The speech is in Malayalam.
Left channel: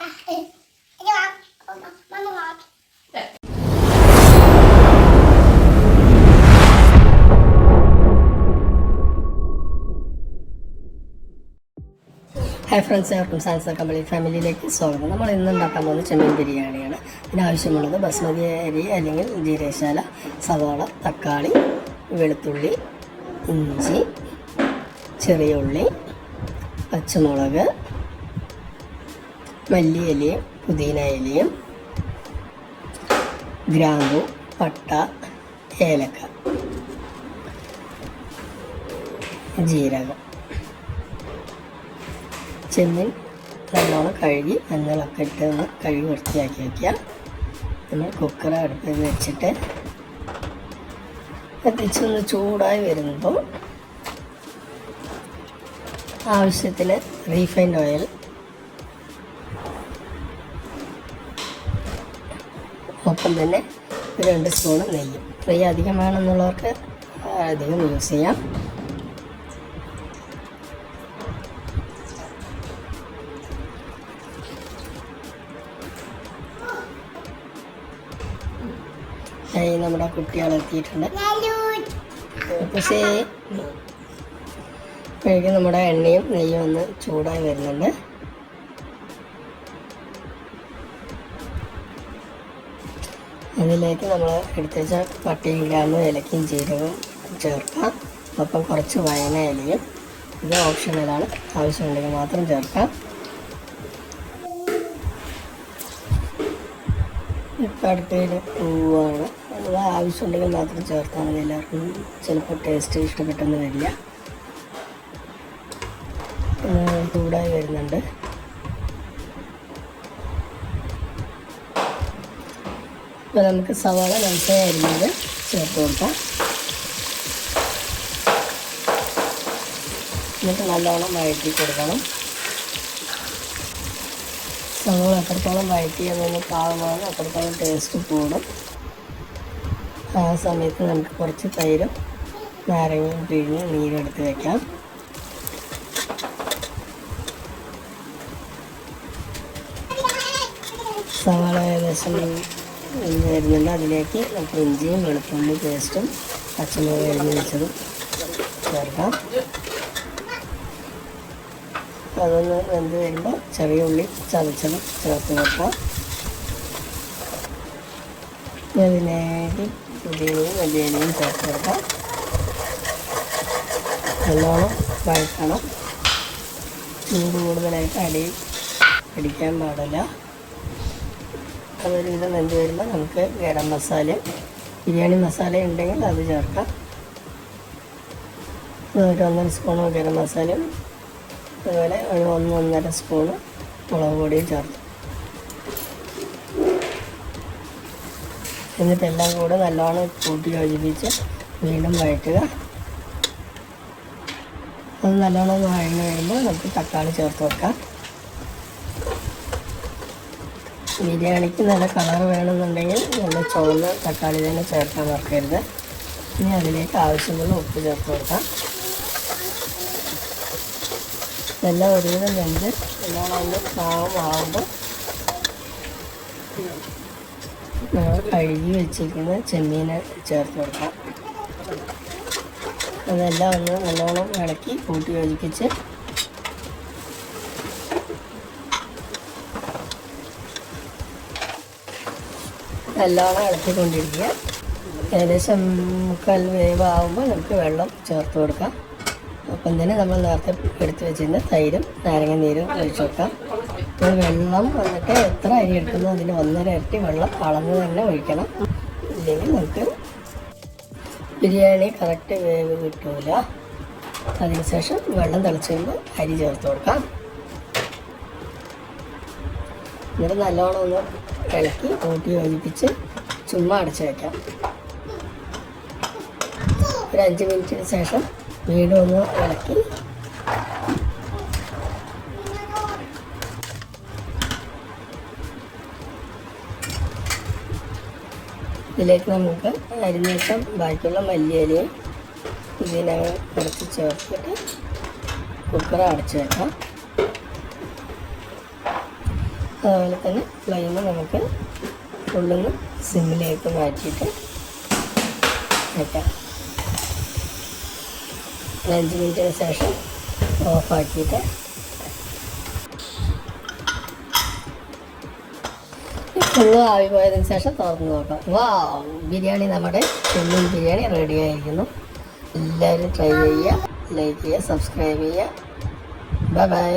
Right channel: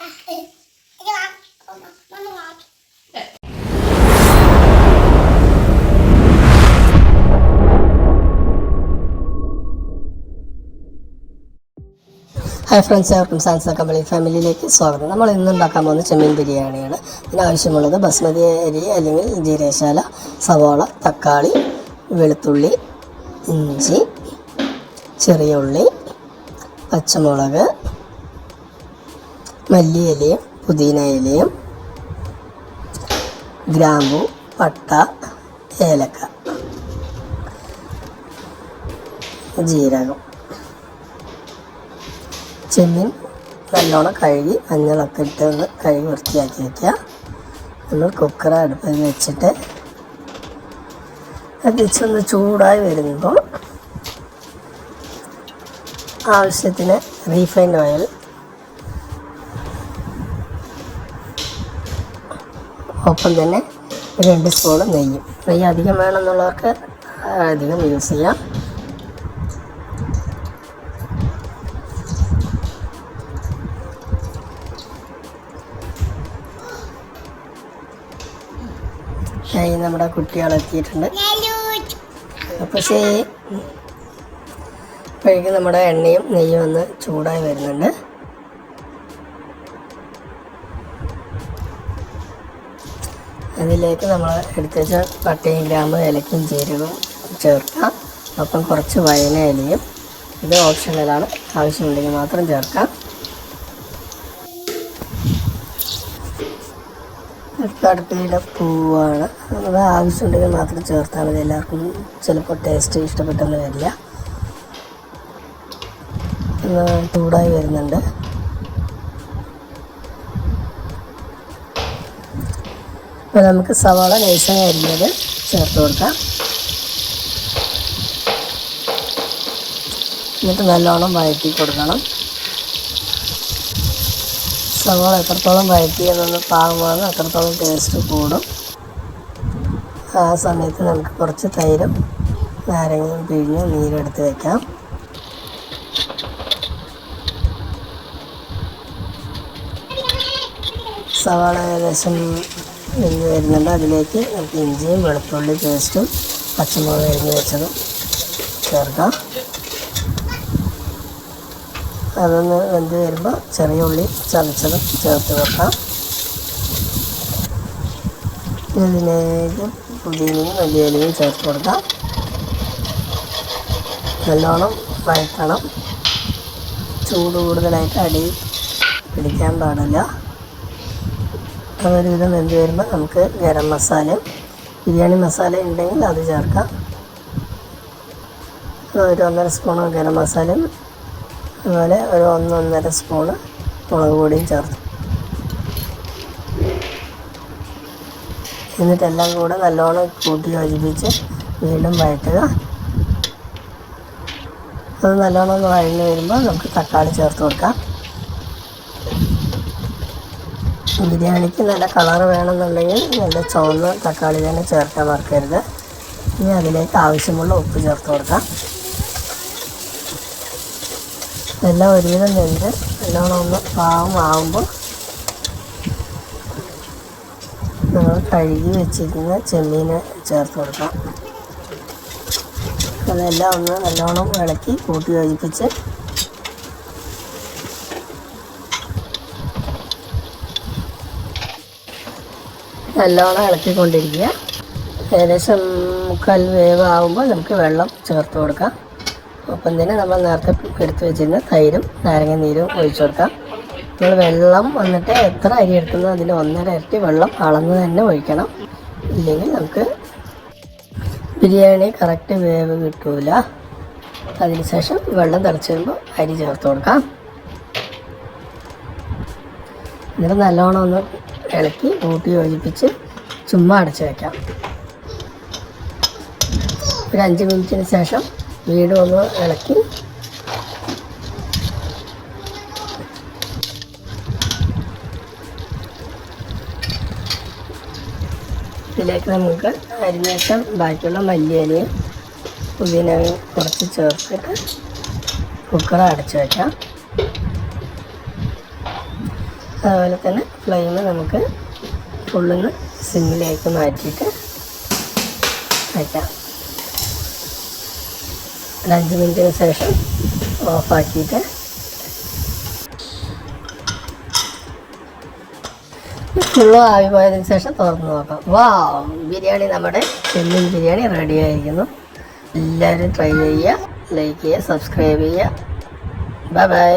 ഹായ് ഫ്രണ്ട്സ്, എവർക്കും സാൻസ കമ്പനി ഫാമിലിയിലേക്ക് സ്വാഗതം. നമ്മൾ ഇന്നുണ്ടാക്കാൻ പോകുന്നത് ചെമ്മീൻ ബിരിയാണിയാണ്. ഇതിനാവശ്യമുള്ളത് ബസ്മതി അരി അല്ലെങ്കിൽ ജീരകശാല, സവാള, തക്കാളി, വെളുത്തുള്ളി, ഇഞ്ചി, ചെറിയ ഉള്ളി, പച്ചമുളക്, മല്ലിയിലയും പുതിന ഇലയും, ഗ്രാമ്പു, പട്ട, ഏലക്ക, ജീരകം. ചെമ്മീൻ നല്ലോണം കഴുകി മഞ്ഞളൊക്കെ ഇട്ട് ഒന്ന് കഴുകി വൃത്തിയാക്കി വയ്ക്കുക. നമ്മൾ കുക്കർ അടുപ്പിൽ വെച്ചിട്ട് അതിച്ചൊന്ന് ചൂടായി വരുമ്പോൾ ആവശ്യത്തിന് റീഫൈൻഡ് ഓയിൽ, ഒപ്പം തന്നെ 2 സ്പൂൺ നെയ്യും. നെയ്യ് അധികം വേണമെന്നുള്ളവർക്ക് അധികം യൂസ് ചെയ്യാം. നമ്മുടെ കുട്ടികളെത്തിയിട്ടുണ്ട്. പക്ഷേ കഴുകി നമ്മുടെ എണ്ണയും നെയ്യും ഒന്ന് ചൂടായി വരുന്നുണ്ട്. ഇതിലേക്ക് നമ്മൾ എടുത്ത് വെച്ച പട്ടയും ഗ്രാമ്പ്, ഏലക്കയും ജീരകവും ചേർക്കാം. അപ്പം കുറച്ച് വയന ഇലയും. ഇത് ഓപ്ഷണലാണ്, ആവശ്യമുണ്ടെങ്കിൽ മാത്രം ചേർക്കാം. അടുപ്പിലെ പൂവാണ്, അത് ആവശ്യമുണ്ടെങ്കിൽ മാത്രം ചേർത്താൽ മതി. എല്ലാവർക്കും ചിലപ്പോൾ ടേസ്റ്റ് ഇഷ്ടപ്പെട്ടെന്ന് വരില്ല. ചൂടായി വരുന്നുണ്ട്. അപ്പോൾ നമുക്ക് സവാള നൈസായി അരിഞ്ഞത് ചേർത്ത് കൊടുക്കാം. എന്നിട്ട് നല്ലോണം വഴറ്റി കൊടുക്കണം. സവാള എത്രത്തോളം വഴറ്റിയെന്നൊന്ന് പാകമാകും, അത്രത്തോളം ടേസ്റ്റ് കൂടും. ആ സമയത്ത് നമുക്ക് കുറച്ച് തൈരും നാരങ്ങയും പിഴിഞ്ഞ് നീരെടുത്ത് വയ്ക്കാം. സവാള ഏകദേശം വെന്ത് വരുന്നുണ്ട്. അതിലേക്ക് നമുക്ക് ഇഞ്ചിയും വെളുത്തുള്ളി പേസ്റ്റും പച്ചമുളക് എരിഞ്ഞ് വെച്ചതും ചേർക്കാം. അതൊന്ന് വെന്ത് വരുമ്പോൾ ചെറിയ ഉള്ളി ചതച്ചതും ചേർത്ത് വെക്കാം. അതിലേക്ക് പുതിനയും മല്ലിയിലയും ചേർത്ത് കൊടുക്കാം. നല്ലോണം വഴറ്റണം. ചൂട് കൂടുതലായിട്ട് അടി പിടിക്കാൻ പാടില്ല. അതൊരുവിധം വെന്ത് വരുമ്പോൾ നമുക്ക് ഗരം മസാലയും ബിരിയാണി മസാല ഉണ്ടെങ്കിൽ അത് ചേർക്കാം. ഒരു 1.5 സ്പൂൺ ഗരം മസാലയും അതുപോലെ ഒരു 1-1.5 സ്പൂണ് മുളക് പൊടിയും ചേർത്ത് എന്നിട്ടെല്ലാം കൂടെ നല്ലോണം കൂട്ടി യോജിപ്പിച്ച് വീണ്ടും വഴറ്റുക. അത് നല്ലോണം ഒന്ന് വഴഞ്ഞ് വരുമ്പോൾ നമുക്ക് തക്കാളി ചേർത്ത് കൊടുക്കാം. ബിരിയാണിക്ക് നല്ല കളർ വേണമെന്നുണ്ടെങ്കിൽ നല്ല ചുവന്ന തക്കാളി തന്നെ ചേർക്കാൻ മറക്കരുത്. ഇനി അതിലേക്ക് ആവശ്യമുള്ള ഉപ്പ് ചേർത്ത് കൊടുക്കാം. എല്ലാം ഒരുവിധം വെന്ത് നല്ലോണം ഒന്ന് പാകമാകുമ്പോൾ നമ്മൾ കഴുകി വെച്ചിരിക്കുന്ന ചെമ്മീൻ ചേർത്ത് കൊടുക്കാം. അതെല്ലാം ഒന്ന് നല്ലോണം ഇളക്കി കൂട്ടി യോജിപ്പിച്ച് നല്ലോണം ഇളക്കിക്കൊണ്ടിരിക്കുക. ഏകദേശം 3/4 വേവാകുമ്പോൾ നമുക്ക് വെള്ളം ചേർത്ത് കൊടുക്കാം. ഒപ്പം തന്നെ നമ്മൾ നേരത്തെ എടുത്ത് വെച്ചിരുന്ന തൈരും നാരങ്ങ നീരും ഒഴിച്ചു കൊടുക്കാം. നമ്മൾ വെള്ളം വന്നിട്ട് എത്ര അരി എടുക്കുന്നോ അതിന് 1.5 ഇരട്ടി വെള്ളം അളന്ന് തന്നെ ഒഴിക്കണം. ഇല്ലെങ്കിൽ നമുക്ക് ബിരിയാണി കറക്റ്റ് വേവ് കിട്ടില്ല. അതിനുശേഷം വെള്ളം തിളച്ച് വരുമ്പോൾ അരി ചേർത്ത് കൊടുക്കാം. എന്നിട്ട് നല്ലോണം ഒന്ന് ഇളക്കി കൂട്ടി യോജിപ്പിച്ച് ചുമ്മാ അടച്ച് വയ്ക്കാം. ഒരു 5 മിനിറ്റിന് ശേഷം വീണ്ടും ഒന്ന് ഇളക്കി ഇതിലേക്ക് നമുക്ക് അരിഞ്ഞേഷം ബാക്കിയുള്ള മല്ലിയിലയും പുതിനയും കുറച്ച് ചേർത്തിട്ട് കുക്കർ അടച്ച് വയ്ക്കാം. അതുപോലെ തന്നെ ഫ്ലെയിം നമുക്ക് ഫുള്ളിന്ന് സിമ്മിലേക്ക് മാറ്റിയിട്ട് വയ്ക്കാം. ഒരു 5 മിനിറ്റിന് ശേഷം ഓഫാക്കിയിട്ട് ഫുള്ളും ആവി പോയതിന് ശേഷം തുറന്ന് നോക്കാം. വാവ്, ബിരിയാണി നമ്മുടെ ചെമ്മീൻ ബിരിയാണി റെഡി ആയിരിക്കുന്നു. എല്ലാവരും ട്രൈ ചെയ്യുക, ലൈക്ക് ചെയ്യുക, സബ്സ്ക്രൈബ് ചെയ്യുക. Bye bye.